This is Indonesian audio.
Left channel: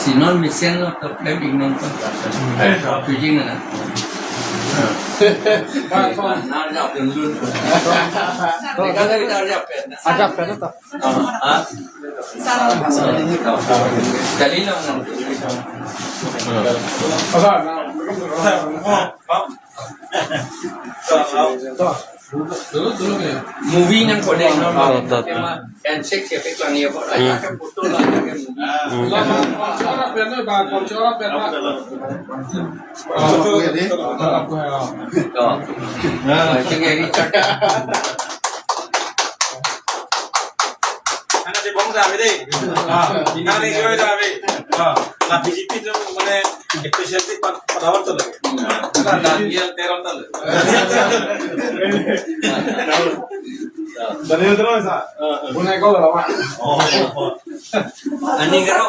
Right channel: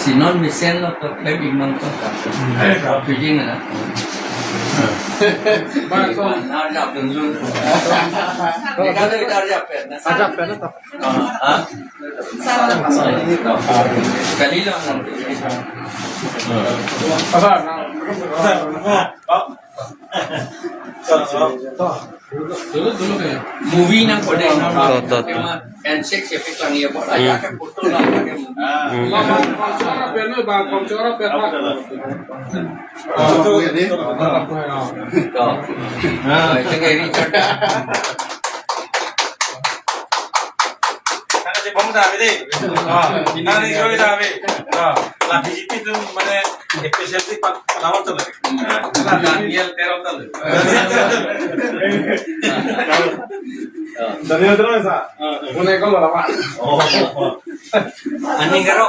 Sinon mission lo ke klaim imam kan. Fishing na. Harap dulu. Mereka dari harap ya. Agak benar tak? Kali lang lang. Dulu kayak. Movie nang pada ini. Tema handshake siapa yang ya buat aja kan foto lah kan movie. Orang benar bang, orang benar. Foto ini. Nah, cengkeri cakap. 하나 제 봉사 하베데 이나네 교회 다베 나 BGP 좀 মানে স্পেশালিটি পাওয়ার তো লাগে দানিয়েল 13 তাল Dari itu masa. Punya kau lama. Ani karo